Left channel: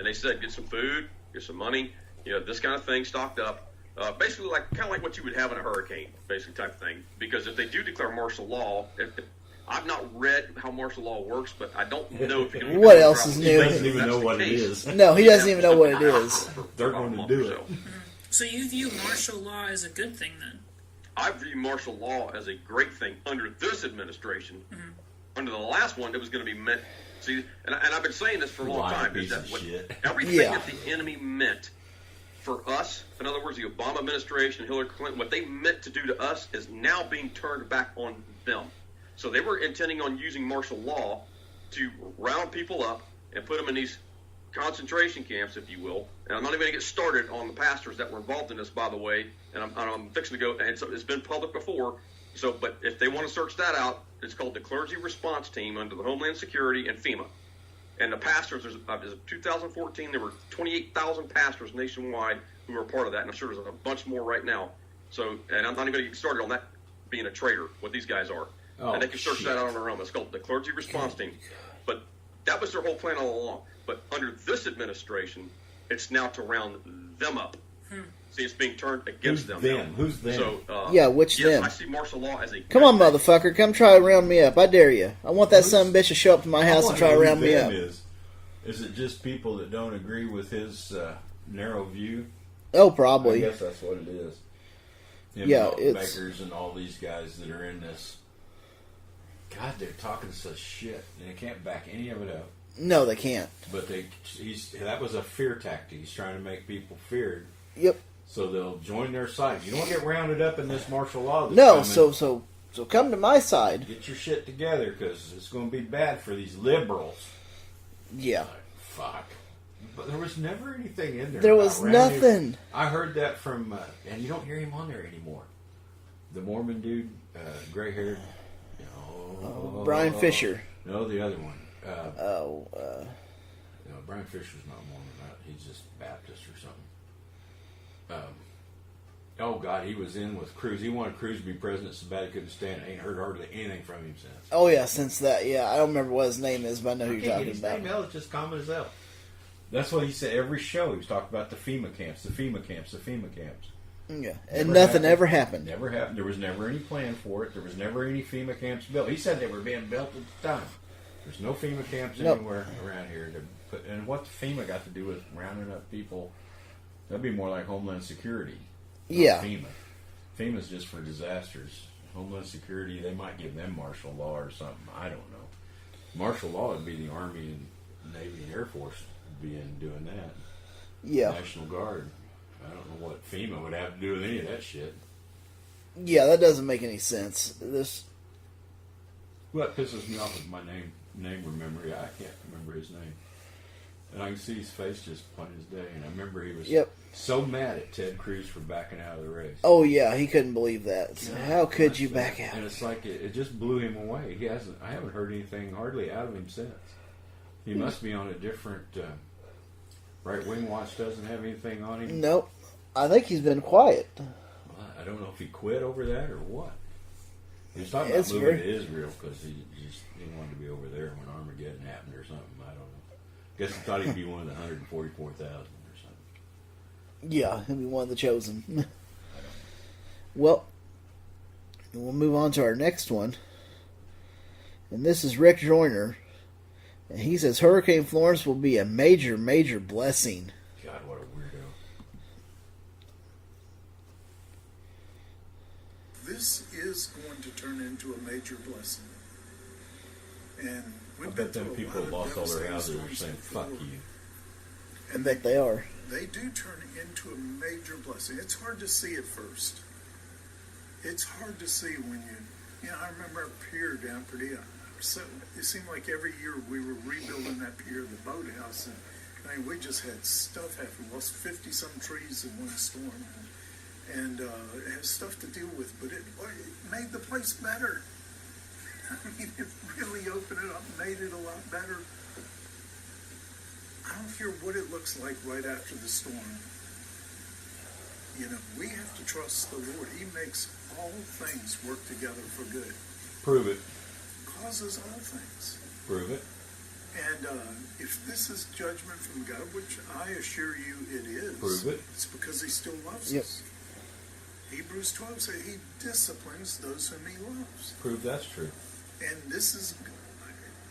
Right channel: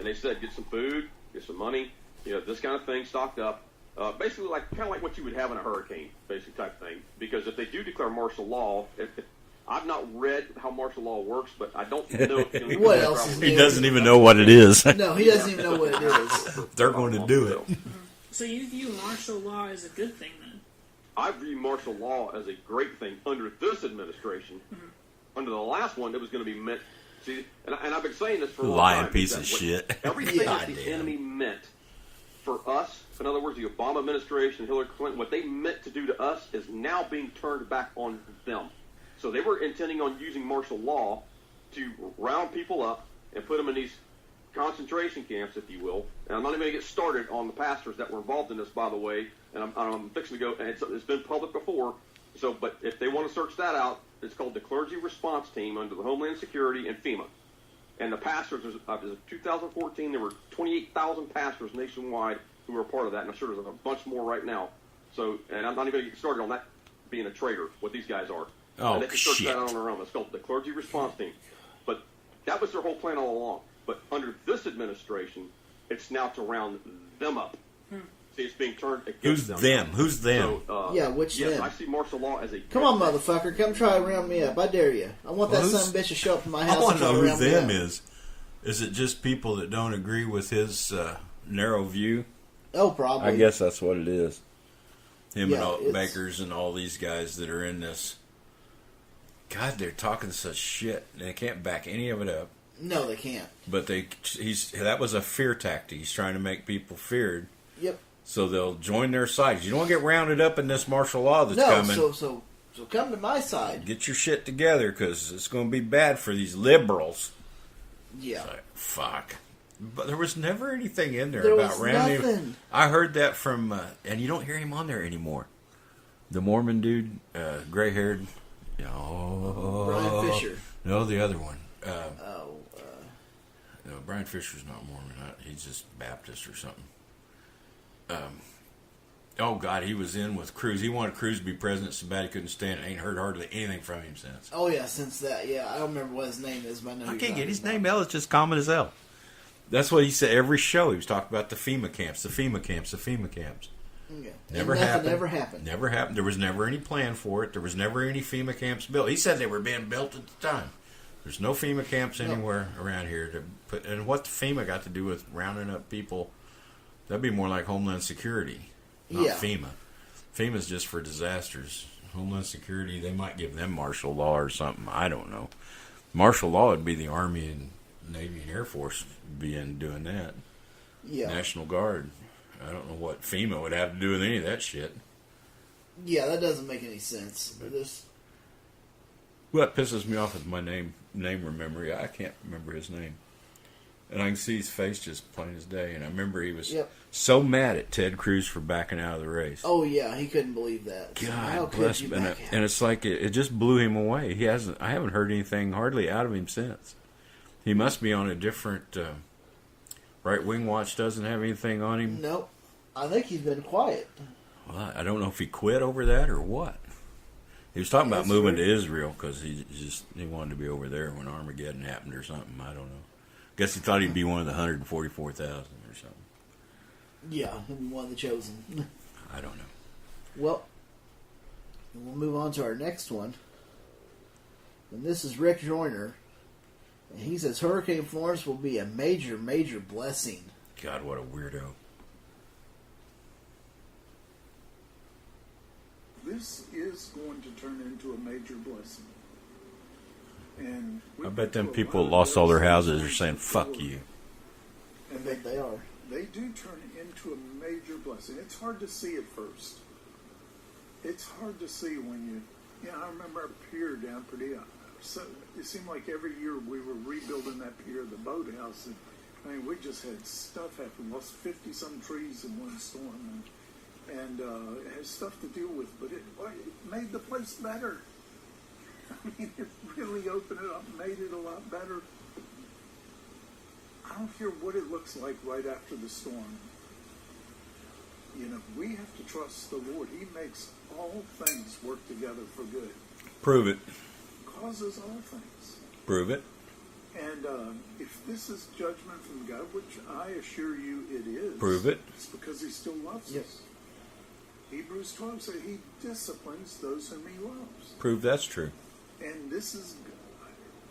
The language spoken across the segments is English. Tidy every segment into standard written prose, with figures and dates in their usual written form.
and they said get some food, get some money, this kind of thing stocked up. Basically, kind of like what you would have in a hurricane, basically type of thing. Because if they do declare martial law, I've not read how martial law works, but I don't know if it's what else is new. He doesn't even know what it is. No, he doesn't even know what it is. They're going to do it. So you view martial law as a good thing, then? I view martial law as a great thing under this administration. Mm-hmm. Under the last one, it was going to be meant. See, and I've been saying this for a long time. Lying piece of shit. Everything that the enemy meant for us, in other words, the Obama administration, Hillary Clinton, what they meant to do to us is now being turned back on them. So they were intending on using martial law to round people up and put them in these concentration camps, if you will. And I'm not even going to get started on the pastors that were involved in this, by the way. And I'm fixing to go. And it's been public before. So, but if they want to search that out, it's called the Clergy Response Team under the Homeland Security and FEMA. And the pastors, as of 2014, there were 28,000 pastors nationwide who were a part of that. And I'm sure there's a bunch more right now. So, and I'm not even going to get started on that being a traitor, what these guys are. Oh, and they can search that out on their own. It's called the Clergy Response Team. But that was their whole plan all along. But under this administration, it's now to round them up. See, it's being turned against them. Who's them? So, which them? I see martial law as a... Come on, motherfucker. Come try to round me up. I dare you. I want that son of a bitch to show up to my house and try to round me up. Is it just people that don't agree with his narrow view? Oh, probably. I guess that's what it is. Him and all Bakers and all these guys that are in this. God, they're talking such shit. They can't back any of it up. No, they can't. But that was a fear tactic. He's trying to make people feared. Yep. So they'll join their sides. You don't get rounded up in this martial law that's coming. No, so come to my side. Get your shit together, because it's going to be bad for these liberals. Yeah. Like, fuck. But there was never anything in there about was rounding. Nothing. I heard that from, and you don't hear him on there anymore. The Mormon dude, gray-haired. Brian Fisher. No, the other one. No, Brian Fisher's not Mormon. He's just Baptist or something. Oh, God, he was in with Cruz. He wanted Cruz to be president so bad he couldn't stand it. Ain't heard hardly anything from him since. Oh, yeah, since that. Yeah, I don't remember what his name is, but I know who you're talking about. I can't get his name. Hell, it's just common as hell. That's what he said every show. He was talking about the FEMA camps, the FEMA camps, the FEMA camps. Yeah, and nothing ever happened. Never happened. There was never any plan for it. There was never any FEMA camps built. He said they were being built at the time. There's no FEMA camps anywhere around here. And what FEMA got to do with rounding up people? That'd be more like Homeland Security, not FEMA. FEMA's just for disasters. Homeland Security, they might give them martial law or something. I don't know. Martial law would be the Army and Navy and Air Force doing that. Yeah. National Guard. I don't know what FEMA would have to do with any of that shit. Yeah, that doesn't make any sense. What pisses me off is my name memory. I can't remember his name. And I can see his face just plain as day. And I remember he was so mad at Ted Cruz for backing out of the race. Oh, yeah, he couldn't believe that. God, how could you back out? And it's like it just blew him away. I haven't heard anything hardly out of him since. He must be on a different... Right Wing Watch doesn't have anything on him? Nope. I think he's been quiet. Well, I don't know if he quit over that or what. He was talking about moving to Israel because he wanted to be over there when Armageddon happened or something. I don't know. Guess he thought he'd be one of the 144,000 or something. Yeah, he'll be one of the chosen. I don't know. Well, we'll move on to our next one. And this is Rick Joyner. And he says Hurricane Florence will be a major, major blessing. God, what a weirdo. This is going to turn into a major blessing. And I bet them people that lost all their houses are saying, fuck you. I bet they are. They do turn into a major blessing. It's hard to see at first. It's hard to see when I remember our pier down pretty... it seemed like every year we were rebuilding that pier, the boathouse, and I mean, we just had stuff happen. We lost 50-some trees in one storm, and it has stuff to deal with, but it made the place better. I mean, it really opened it up, made it a lot better. I don't care what it looks like right after the storm. We have to trust the Lord. He makes all things work together for good. Prove it. Causes all things. Prove it. And if this is judgment from God, I assure you it is. Prove it. It's because he still loves Yep. us. Hebrews 12 says he disciplines those whom he loves. Prove that's true. And this is,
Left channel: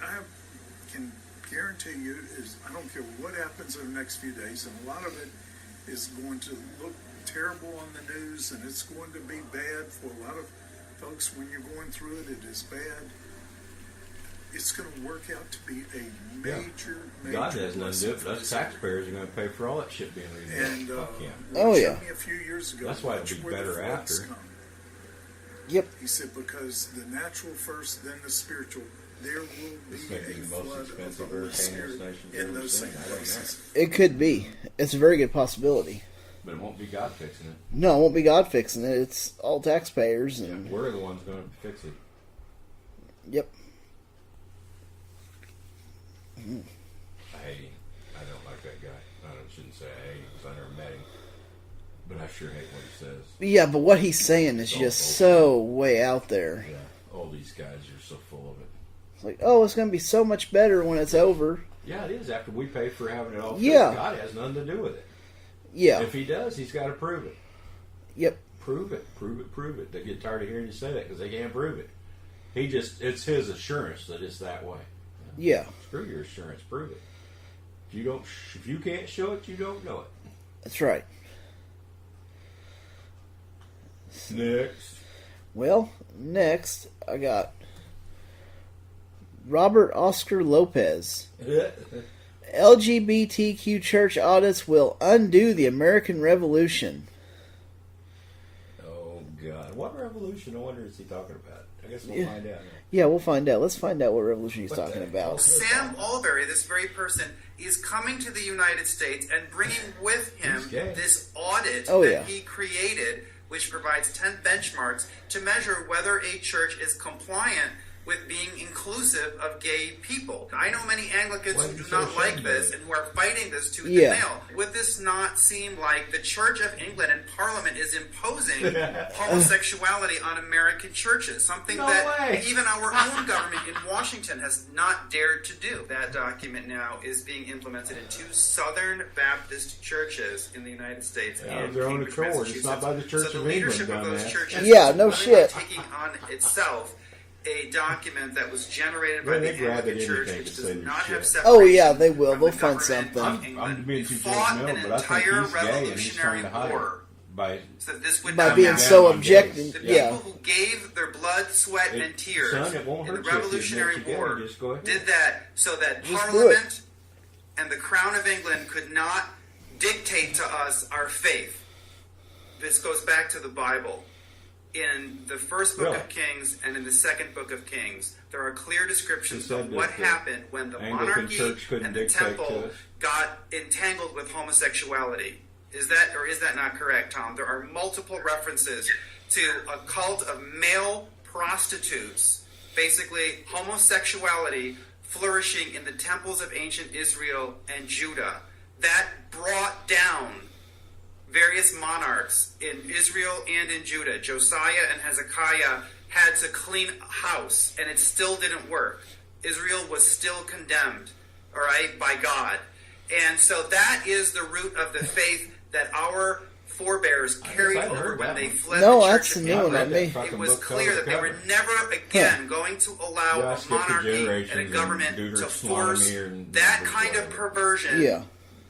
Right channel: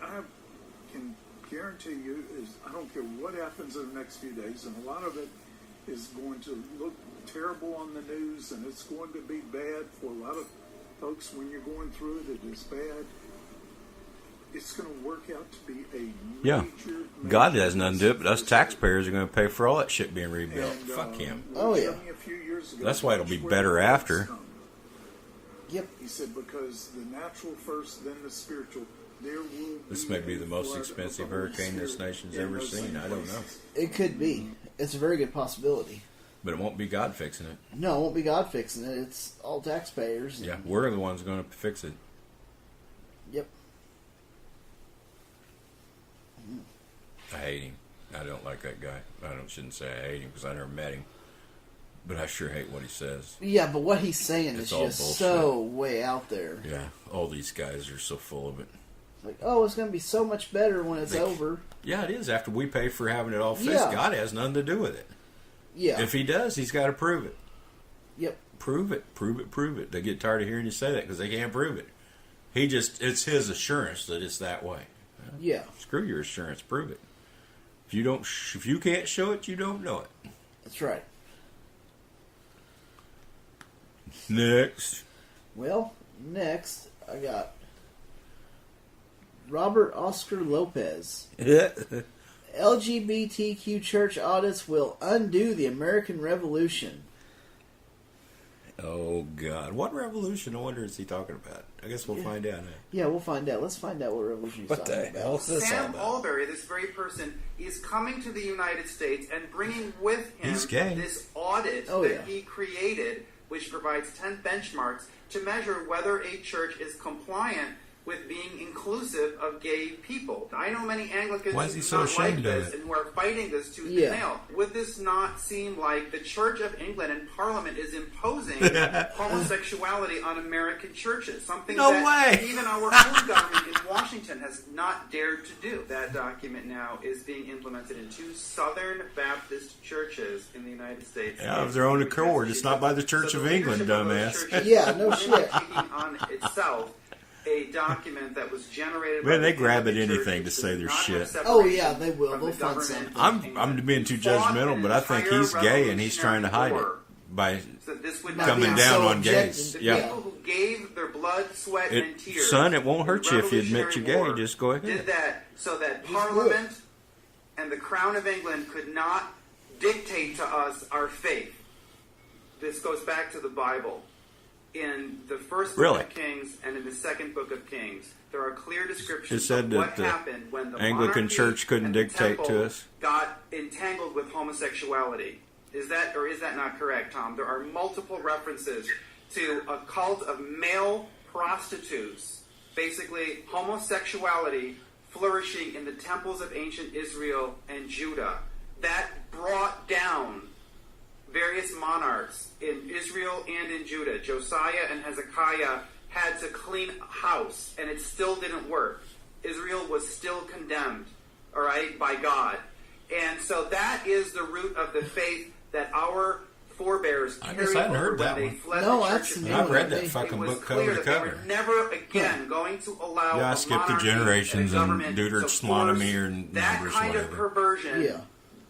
I can guarantee you, is I don't care what happens in the next few days, and a lot of it is going to look terrible on the news, and it's going to be bad for a lot of folks. When you're going through it, it is bad. It's going to work out to be a Yeah. major, God major has nothing to do it, but us taxpayers are going to pay for all that shit being rebuilt. And, Fuck him. Oh, Jimmy, yeah. a few years ago, That's why it'll be where better the after. floods come. Yep. He said, because the natural first, then the spiritual, there will be This may be a the most flood of expensive the Holy hurricane this Spirit nation's in ever those seen. same I don't know. places. It could be. It's a very good possibility. But it won't be God fixing it. No, it won't be God fixing it. It's all taxpayers. Yeah, And, we're the ones going to fix it. Yep. I hate him. I don't like that guy. Shouldn't say I hate him because I never met him. But I sure hate what he says. Yeah, but what he's saying It's is all just bullshit. so way out there. Yeah, all these guys are so full of it. It's like, oh, it's going to be so much better when it's over. Yeah, it is. After we pay for having it all fixed, Yeah. God has nothing to do with it. Yeah. If he does, he's got to prove it. Yep. Prove it, prove it, prove it. They get tired of hearing you say that because they can't prove it. It's his assurance that it's that way. Yeah. Screw your assurance, prove it. If you can't show it, you don't know it. That's right. Next. Well, next I got Robert Oscar Lopez. LGBTQ church audits will undo the American Revolution. Oh God, what revolution? I wonder is he talking about? I guess we'll find out. Yeah, we'll find out. Let's find out what revolution he's What talking the about. hell's this all Sam about? Albury, this very person, is coming to the United States and bringing with him He's gay. this audit Oh, that yeah. he created, which provides 10 benchmarks to measure whether a church is compliant with being inclusive of gay people. I know many Anglicans Why is he who do so not like ashamed of this it? and who are fighting this tooth Yeah. and nail. Would this not seem like the Church of England and Parliament is imposing homosexuality on American churches? Something No that way. even our own government in Washington has not dared to do. That document now is being implemented in 2 Southern Baptist churches in the United States. Yeah, and of their own Cambridge, accord. It's not by the Church so of the England, leadership of those dumbass. churches Yeah, no is shit. taking on itself a document that was generated by Man, they the grab at Anglican Church, anything to which say does their not have shit. Oh, separation yeah, they will. from They'll the find government something. of I'm England. being too Fought judgmental, an but I think entire he's gay and he's trying to hide it revolutionary war by so that this would By not being happen. so down on objective. gays. The Yeah. people who gave their blood, sweat, and tears. Son, it won't in hurt the you if you admit you're Revolutionary gay. War Just go ahead. Did that so that Just do it. Parliament and the Crown of England could not dictate to us our faith. This goes back to the Bible. In the first book Really? of Kings and in the second book of Kings, there are clear descriptions It said of that what the happened when the Anglican monarchy Church couldn't and the dictate temple to us. got entangled with homosexuality. Is that not correct, Tom? There are multiple references to a cult of male prostitutes, basically homosexuality flourishing in the temples of ancient Israel and Judah. That brought down various monarchs in Israel and in Judah. Josiah and Hezekiah had to clean house, and it still didn't work. Israel was still condemned, all right, by God. And so that is the root of the faith that our forebears I guess carried I hadn't over heard when that they one. fled No, the that's Church the of new I one. read That that may- fucking it was book cover clear to that they were cover. never again going to allow Yeah, I a skipped the monarchy and generations a government and to force Deuteronomy and that numbers, kind of whatever. perversion Yeah.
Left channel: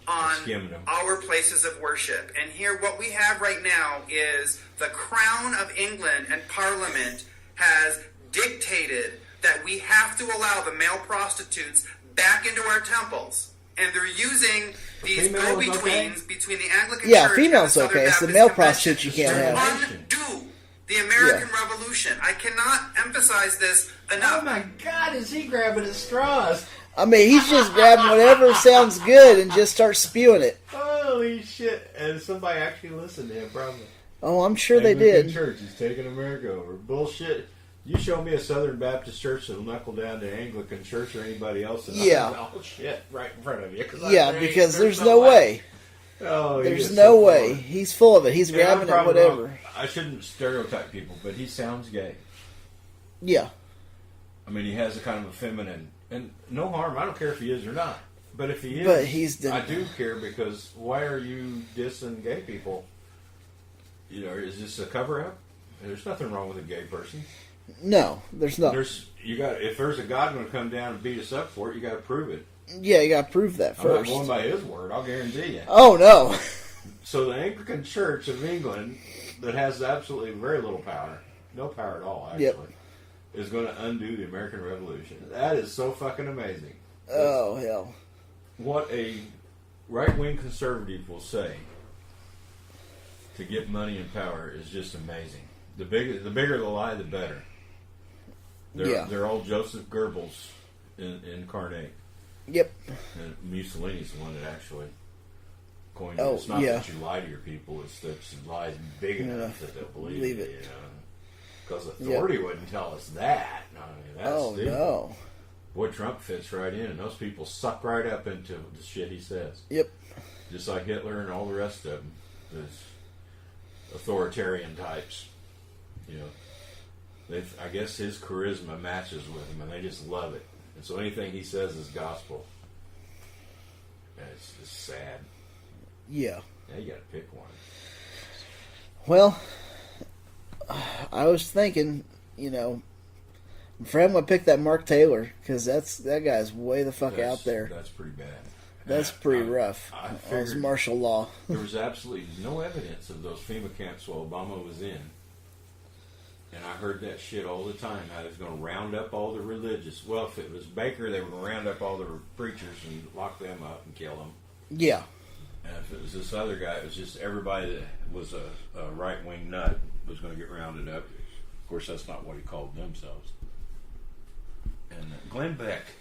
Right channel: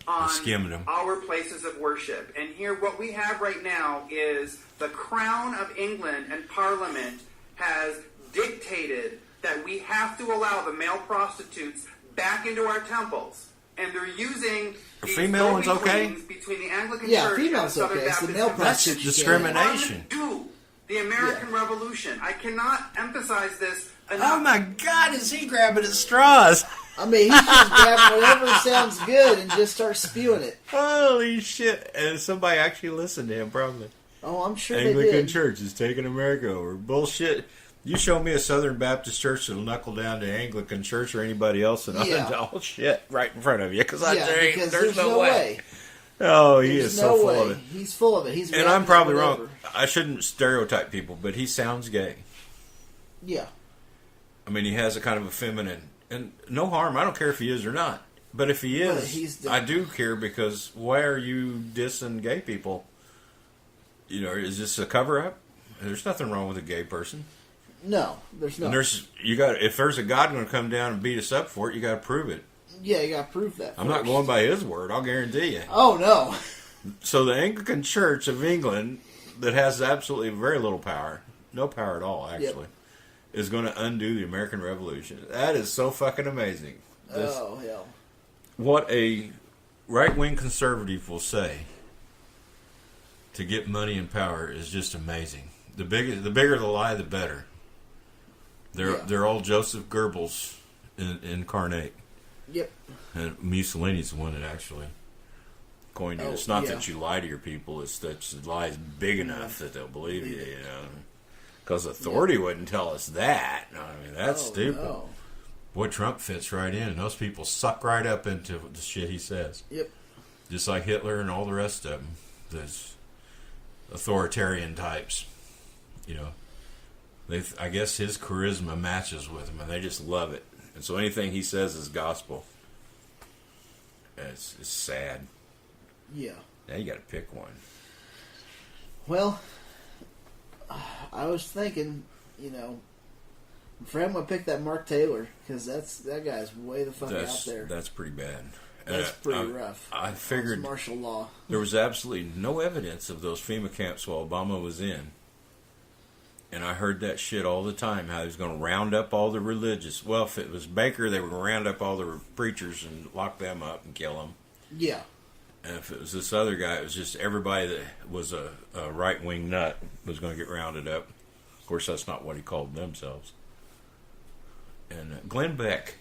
on skimmed 'em. our places of worship. And here what we have right now is the Crown of England and Parliament has dictated that we have to allow the male prostitutes back into our temples. And they're using these female ones okay? go-betweens between the Anglican Yeah, Church females and the Southern okay. It's the Baptist male Convention prostitutes you can't have. Discrimination. undo the American Revolution. I cannot emphasize this enough. Oh my God, is he grabbing at straws? I mean, he's just grabbing whatever sounds good and just start spewing it. Holy shit! And somebody actually listened to him, probably. Oh, I'm sure they Anglican did. Church is taking America over. Bullshit. You show me a Southern Baptist church that'll knuckle down to Anglican Church or anybody else, and Yeah. I'll shit right in front of you. Yeah, because there's no way. Oh, he There's is no so full way. of it. He's full of it. He's And I'm grabbing at probably whatever. wrong. I shouldn't stereotype people, but he sounds gay. Yeah. I mean, he has a kind of a feminine, and no harm. I don't care if he is or not. But if he is, But he's I do care, because why are you dissing gay people? You know, is this a cover up? There's nothing wrong with a gay person. No, there's not. If there's a God going to come down and beat us up for it, you got to prove it. Yeah, you got to prove that first. I'm not going by his word. I'll guarantee you. Oh no. So the Anglican Church of England, that has absolutely very little power, no power at all, actually, Yep. is going to undo the American Revolution. That is so fucking amazing. Oh hell. What a right-wing conservative will say to get money and power is just amazing. The bigger the lie, the better. They're all Joseph Goebbels incarnate. Yep. And Mussolini's the one that actually coined it. Oh, It's not yeah. that you lie to your people; it's that your lie is big enough that they'll believe you. Believe it. You know, because authority wouldn't tell us that. I mean, that's Oh stupid. no. Boy, Trump fits right in, and those people suck right up into the shit he says. Yep. Just like Hitler and all the rest of them, those authoritarian types. You know, I guess his charisma matches with them, and they just love it. And so anything he says is gospel. It's sad. Yeah. Now you got to pick one. Well, I was thinking, you know, Fred would pick that Mark Taylor because that guy's way the fuck out there. That's pretty bad. That's And pretty rough. I On figured martial law. there was absolutely no evidence of those FEMA camps while Obama was in. And I heard that shit all the time, how he was going to round up all the religious. Well, if it was Baker, they were going to round up all the preachers and lock them up and kill them. Yeah. And if it was this other guy, it was just everybody that was a right-wing nut was going to get rounded up. Of course, that's not what he called themselves. And Glenn Beck.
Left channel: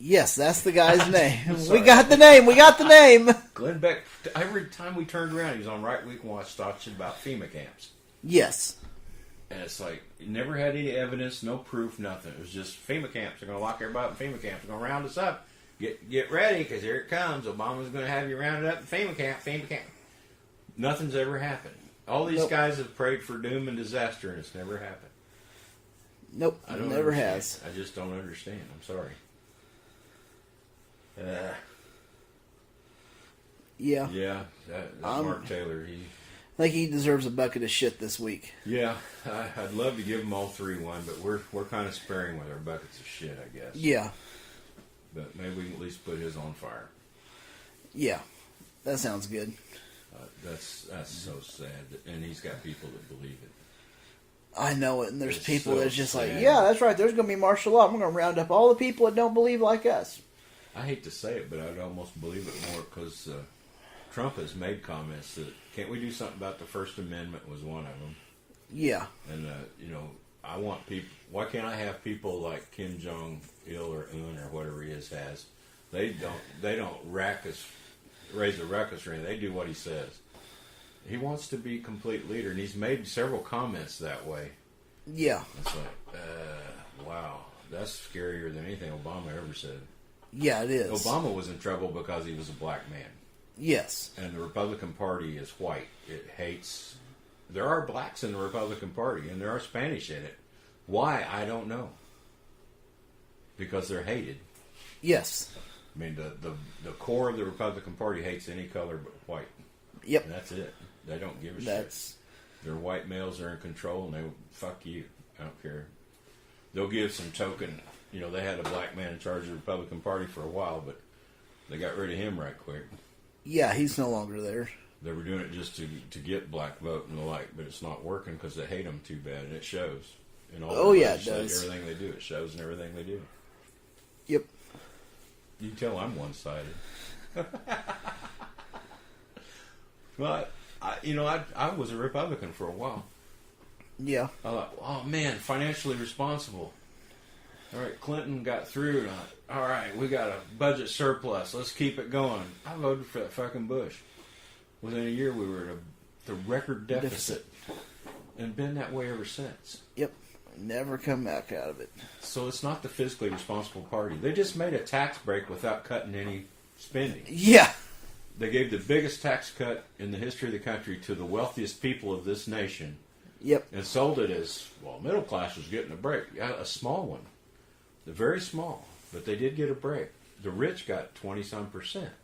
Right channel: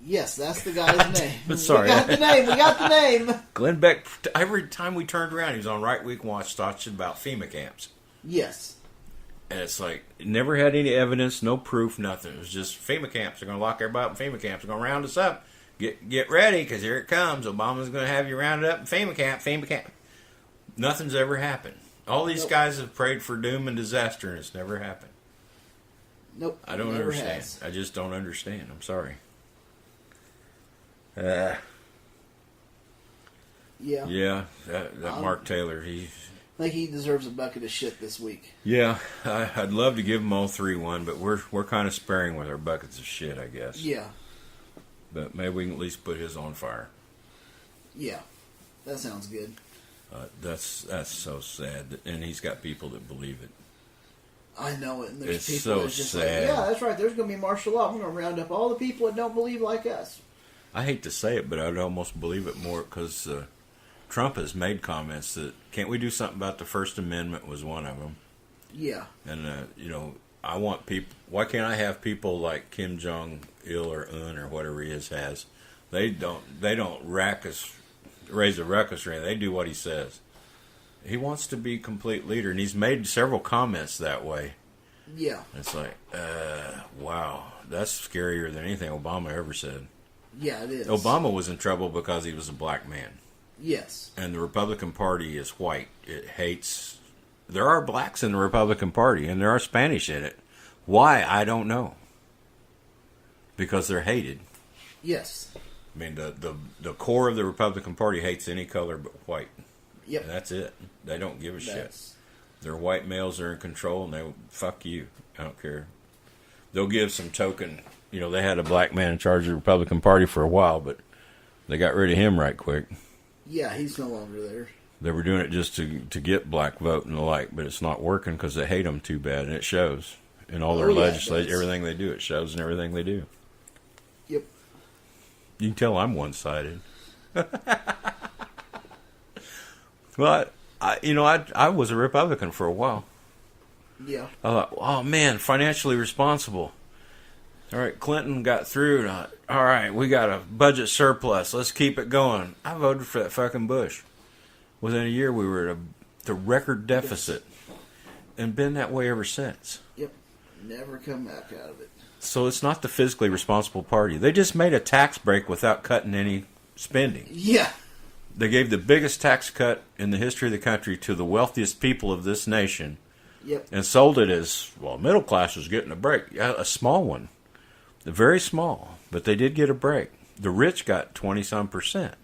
Yes, that's the guy's name. Sorry. We got the name. We got the name. Glenn Beck, every time we turned around, he was on Right Week Watch talking about FEMA camps. Yes. And it's like, never had any evidence, no proof, nothing. It was just FEMA camps. They're going to lock everybody up in FEMA camps. They're going to round us up. Get ready, because here it comes. Obama's going to have you rounded up in FEMA camp. Nothing's ever happened. All these guys have prayed for doom and disaster, and it's never happened. Nope. I don't never understand. has. I just don't understand. I'm sorry. Yeah. Yeah, that Mark Taylor, I think he deserves a bucket of shit this week. yeah, I'd love to give them all 3-1, but we're kind of sparing with our buckets of shit, I guess. Yeah. But maybe we can at least put his on fire. Yeah. That sounds good. That's so sad, and he's got people that believe it. I know it, and there's It's people so that's just sad. like, yeah, that's right. There's going to be martial law. We're going to round up all the people that don't believe like us. I hate to say it, but I'd almost believe it more because Trump has made comments that can't we do something about the First Amendment was one of them. Yeah. And I want people. Why can't I have people like Kim Jong Il or Un or whatever he has? They don't raise a ruckus or anything. They do what he says. He wants to be complete leader, and he's made several comments that way. Yeah. It's like, wow, that's scarier than anything Obama ever said. Yeah, it is. Obama was in trouble because he was a black man. Yes. And the Republican Party is white. It hates. There are blacks in the Republican Party, and there are Spanish in it. Why? I don't know. Because they're hated. Yes. I mean, the core of the Republican Party hates any color but white. Yep. And that's it. They don't give a shit. That's They're white males are in control, and they fuck you. I don't care. They'll give some token. They had a black man in charge of the Republican Party for a while, but they got rid of him right quick. yeah. He's no longer there. They were doing it just to get black vote and the like, but it's not working because they hate them too bad, and it shows in all their Oh, yeah, it legislation, does. everything they do. It shows in everything they do. Yep. You can tell I'm one-sided. But I was a Republican for a while. Yeah. I thought, oh man, financially responsible. All right, Clinton got through. And all right, we got a budget surplus. Let's keep it going. I voted for that fucking Bush. Within a year, we were at the record deficit, and been that way ever since. Yep. Never come back out of it. So it's not the fiscally responsible party. They just made a tax break without cutting any spending. Yeah. They gave the biggest tax cut in the history of the country to the wealthiest people of this nation. Yep. And sold it as, well, middle class was getting a break. Yeah, a small one. Very small. But they did get a break. the rich got 20 some percent.